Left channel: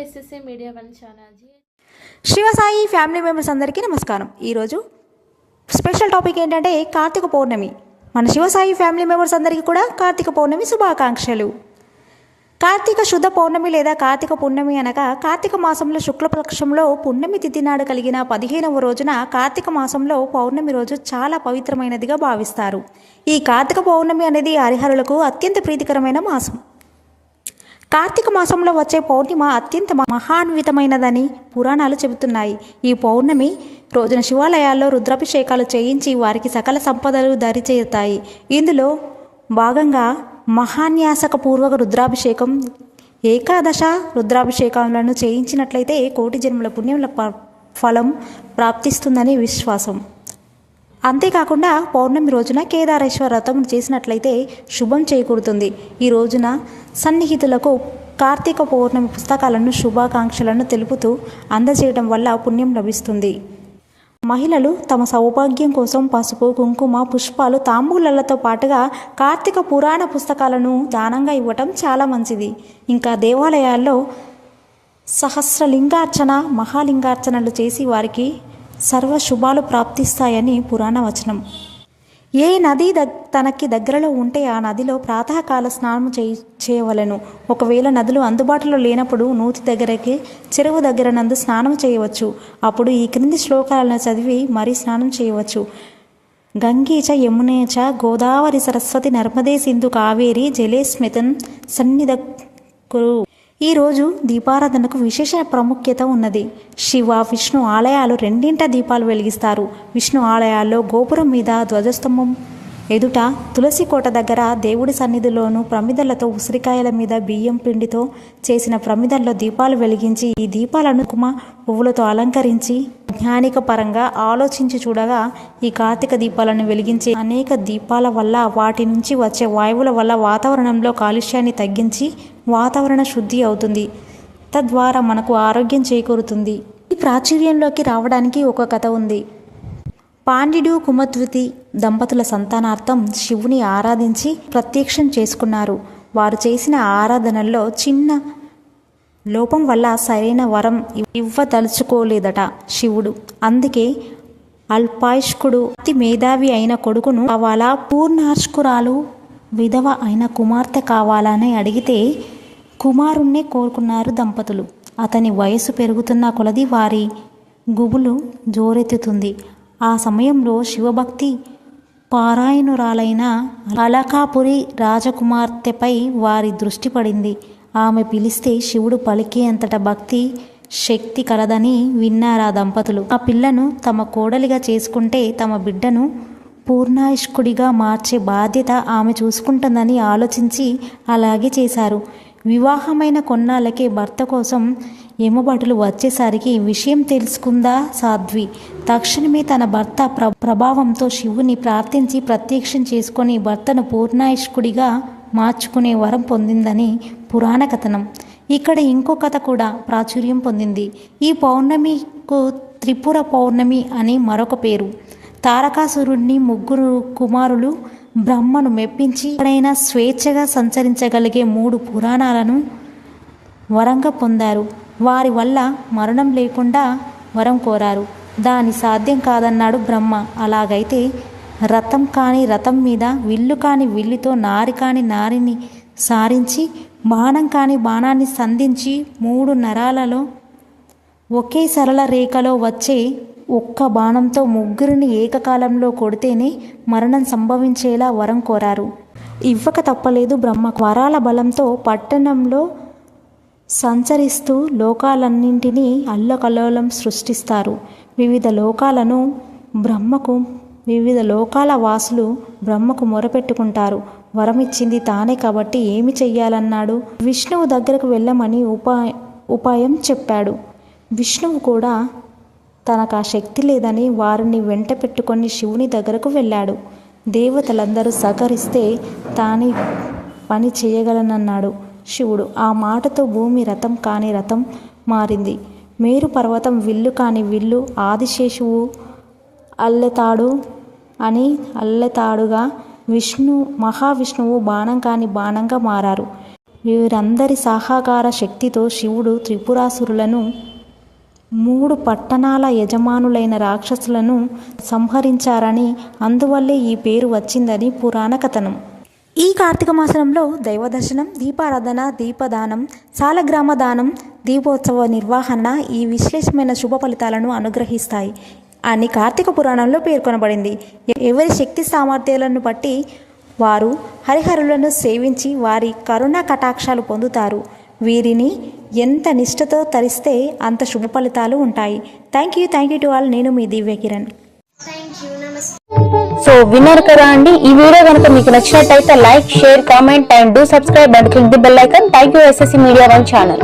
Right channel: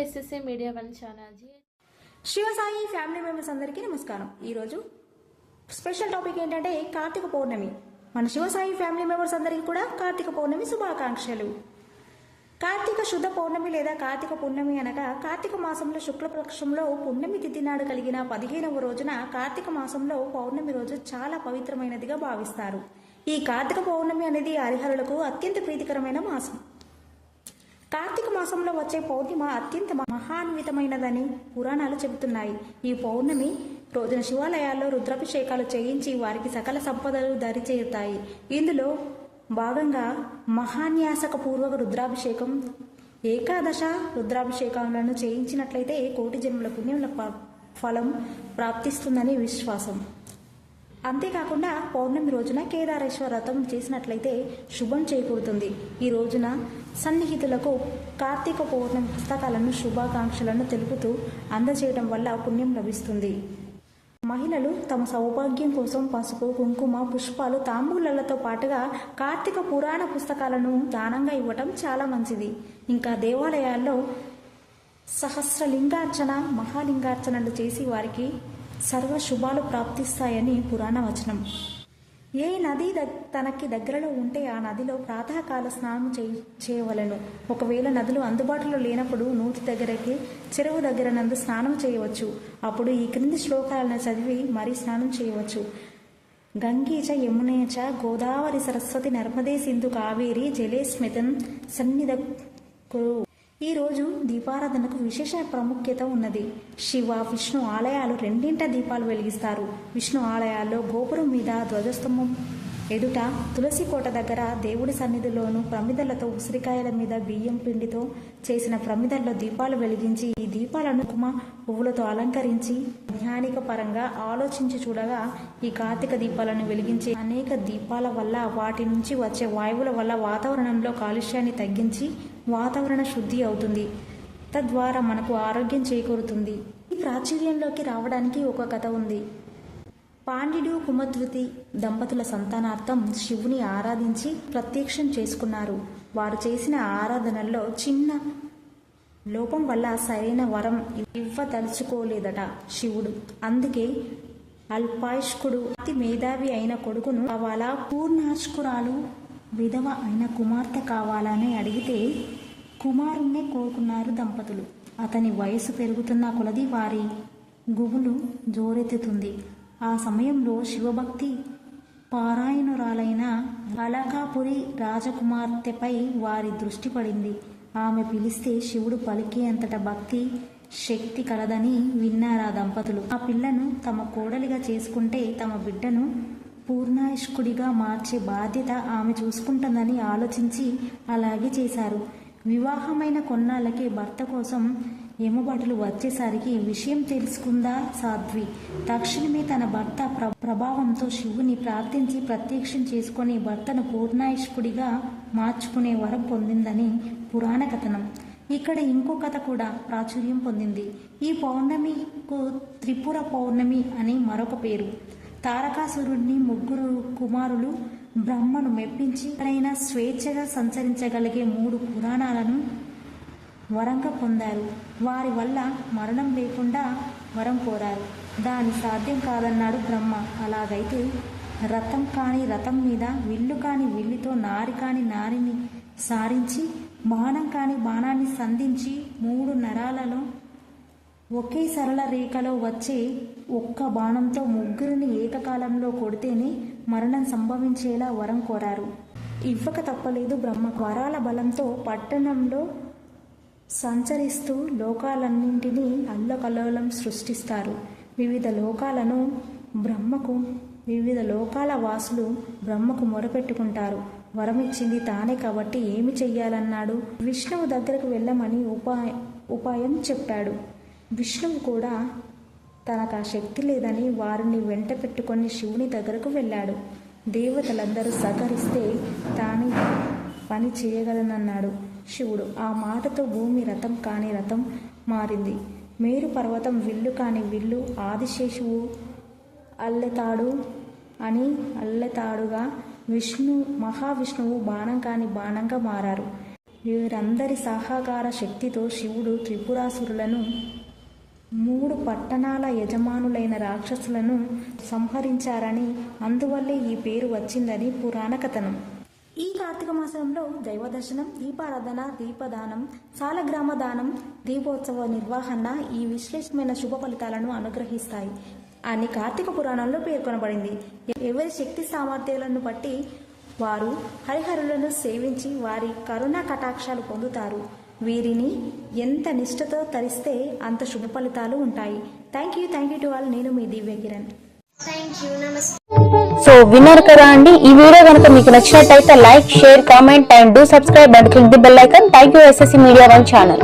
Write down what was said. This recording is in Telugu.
ఎస్ఎస్ఏ మీడియా వన్ ఛానల్జీ శివసాయి ఫ్యామిలీ మెంబర్స్ అందరికీ నమస్కారం. ఈరోజు స్పెషల్ టాపిక్ ఏంటంటే కార్తీక పౌర్ణమి. మన శివసాయి ఫ్యామిలీ మెంబర్స్ అందరికీ కూడా కార్తీక పౌర్ణమి శుభాకాంక్షలు. కార్తీక శుద్ధ పౌర్ణమి లేదా కార్తీక పౌర్ణమి అనగా కార్తీక మాసంలో శుక్లపక్షంలో పుణ్యమి తిథి నాడు కలిగిన పదిహేనవ రోజున కార్తీక మాసంలో పౌర్ణమి రోజు చాలా పవిత్రమైనదిగా భావిస్తారు. ఈ కార్తీక పౌర్ణమి అనేది హరిహరులకు అత్యంత ప్రీతికరమైన మాసం. కార్తీక మాసంలో వచ్చే పౌర్ణిమ అత్యంత మహాన్వితమైనదని పురాణాలు చెబుతున్నాయి. ఈ పౌర్ణమి రోజున శివాలయాల్లో రుద్రాభిషేకాలు చేయించి వారికి సకల సంపదలు దరిచేరుతాయి. ఇందులో భాగంగా మహాన్యాసక పూర్వక రుద్రాభిషేకం ఏకాదశ రుద్రాభిషేకాలను చేయించినట్లయితే కోటి జన్మల పుణ్యముల ప- ఫలం ప్రాప్తిస్తుందని విశ్వాసం. అంతేకాకుండా పౌర్ణమి రోజున కేదారేశ్వర వ్రతం చేసినట్లయితే శుభం చేకూరుతుంది. ఈ రోజున సన్నిహితులకు కార్తీక పౌర్ణమి పుస్తకాలను శుభాకాంక్షలను తెలుపుతూ అందజేయడం వల్ల పుణ్యం లభిస్తుంది. మహిళలు తమ సౌభాగ్యం కోసం పసుపు కుంకుమ పుష్పాలు తాంబూలలతో పాటుగా కార్తీక పురాణ పుస్తకాలను దానంగా ఇవ్వటం చాలా మంచిది. ఇంకా దేవాలయాల్లో సహస్రలింగార్చన మహాలింగార్చనలు చేసి వారికి సర్వ శుభాలు ప్రాప్తిస్తాయని పురాణ వచనం. ఏ నది దగ్ తనకి దగ్గరలో ఉంటే ఆ నదిలో ప్రాతకాల స్నానం చేయ చేయవలెను. ఒకవేళ నదులు అందుబాటులో లేనప్పుడు నూతి దగ్గరకి చెరువు దగ్గర నందు స్నానం చేయవచ్చు. అప్పుడు ఈ క్రింది శ్లోకాలను చదివి మరీ స్నానం చేయవచ్చు. గంగీచ యమునేచ గోదావరి సరస్వతి నర్మదే సింధు కావేరి జలేస్మితన్ సన్నిధ కురు ఈరోజు దీపారాధనకు విశేష ప్రాముఖ్యత ఉన్నది. శివ విష్ణు ఆలయాలు రెండింట దీపాలు వెలిగిస్తారు. విష్ణు ఆలయాల్లో గోపురం మీద ధ్వజస్తంభం ఎదుట తులసి కోట దగ్గర దేవుడి సన్నిధిలోనూ ప్రమిదలతో ఉసిరికాయల మీద బియ్యం పిండితో చేసిన ప్రమిదల్లో దీపాలు వెలిగించి ఈ దీపాలను కుమ పువ్వులతో అలంకరించి జ్ఞానిక పరంగా ఆలోచించి చూడగా ఈ కార్తీక దీపాలను వెలిగించే అనేక దీపాల వల్ల వాటి నుంచి వచ్చే వాయువుల వల్ల వాతావరణంలో కాలుష్యాన్ని తగ్గించి వాతావరణ శుద్ధి అవుతుంది. తద్వారా మనకు ఆరోగ్యం చేకూరుతుంది. ఈ ప్రాచుర్యంలోకి రావడానికి ఒక కథ ఉంది. పాండ్యుడు కుమద్వితి దంపతుల సంతానార్థం శివుని ఆరాధించి ప్రత్యక్షం చేసుకున్నారు. వారు చేసిన ఆరాధనల్లో చిన్న లోపం వల్ల సరైన వరం ఇవ్వదలుచుకోలేదట శివుడు. అందుకే అల్పాయుష్కుడు అతి మేధావి అయిన కొడుకును కావాలా పూర్ణార్ష్కురాలు విధవ అయిన కుమార్తె కావాలని అడిగితే కుమారుణ్ణే కోరుకున్నారు దంపతులు. అతని వయసు పెరుగుతున్న కొలది వారి గుబులు జోరెత్తుతుంది. ఆ సమయంలో శివభక్తి పారాయణురాలైన అలకాపురి రాజకుమార్తెపై వారి దృష్టి పడింది. ఆమె పిలిస్తే శివుడు పలికేంతట భక్తి శక్తి కలదని విన్నారా దంపతులు. ఆ పిల్లను తమ కోడలిగా చేసుకుంటే తమ బిడ్డను పూర్ణాయుష్కుడిగా మార్చే బాధ్యత ఆమె చూసుకుంటుందని ఆలోచించి అలాగే చేశారు. వివాహమైన కొన్నాళ్ళకే భర్త కోసం ఎమ్మబడులు వచ్చేసరికి విషయం తెలుసుకుందా సాధ్వి? తక్షణమే తన భర్త ప్ర ప్రభావంతో శివుని ప్రార్థించి ప్రత్యక్షం చేసుకొని భర్తను పూర్ణాయుష్కుడిగా మార్చుకునే వరం పొందిందని పురాణ కథనం. ఇక్కడ ఇంకో కథ కూడా ప్రాచుర్యం పొందింది. ఈ పౌర్ణమికు త్రిపుర పౌర్ణమి అని మరొక పేరు. తారకాసురుడిని ముగ్గురు కుమారులు బ్రహ్మను మెప్పించి ఎక్కడైనా స్వేచ్ఛగా సంచరించగలిగే మూడు పురాణాలను వరంగా పొందారు. వారి వల్ల మరణం లేకుండా వరం కోరారు. దాని సాధ్యం కాదన్నాడు బ్రహ్మ. అలాగైతే రథం కాని రథం మీద విల్లు కాని విల్లుతో నారి కాని నారిని సారించి బాణం కాని బాణాన్ని సంధించి మూడు నరాలలో ఒకే సరళ రేఖలో వచ్చే ఒక్క బాణంతో ముగ్గురిని ఏకకాలంలో కొడితేనే మరణం సంభవించేలా వరం కోరారు. ఇవ్వక తప్పలేదు బ్రహ్మ. వరాల బలంతో పట్టణంలో సంచరిస్తూ లోకాలన్నింటినీ అల్లకల్లోలం సృష్టిస్తారు. వివిధ లోకాలను బ్రహ్మకు వివిధ లోకాల వాసులు బ్రహ్మకు మొరపెట్టుకుంటారు. వరమిచ్చింది తానే కాబట్టి ఏమి చెయ్యాలన్నాడు? విష్ణువు దగ్గరకు వెళ్ళమని ఉపాయ ఉపాయం చెప్పాడు. విష్ణువు కూడా తనకు ఆ శక్తి లేదని వారిని వెంట పెట్టుకొని శివుని దగ్గరకు వెళ్ళాడు. దేవతలందరూ సహకరిస్తే తానే పని చేయగలనన్నాడు శివుడు. ఆ మాటతో భూమి రథం కాని రథం మారింది. మేరు పర్వతం విల్లు కాని విల్లు ఆదిశేషువు అల్లెతాడు అని అల్లెతాడుగా విష్ణు మహావిష్ణువు బాణం కాని బాణంగా మారారు. వీరందరి సాహాకార శక్తితో శివుడు త్రిపురాసురులను మూడు పట్టణాల యజమానులైన రాక్షసులను సంహరించారని అందువల్లే ఈ పేరు వచ్చిందని పురాణ కథనం. ఈ కార్తీక మాసంలో దైవదర్శనం దీపారాధన దీపదానం సాలగ్రామ దానం దీపోత్సవ నిర్వహణ ఈ విశ్లేషమైన శుభ ఫలితాలను అనుగ్రహిస్తాయి. అని కార్తీక పురాణంలో పేర్కొనబడింది. ఎవరి శక్తి సామర్థ్యాలను బట్టి వారు హరిహరులను సేవించి వారి కరుణ కటాక్షాలు పొందుతారు. వీరిని ఎంత నిష్ఠతో తరిస్తే అంత శుభ ఫలితాలు ఉంటాయి. Thank you thank you to all నేను మీ దివ్య కిరణ్. సో విన్నారు కదా అండి. ఈ వీడియో కనుక మీకు నచ్చినట్టయితే like share comment and do subscribe and click the bell icon thank you SSC media one channel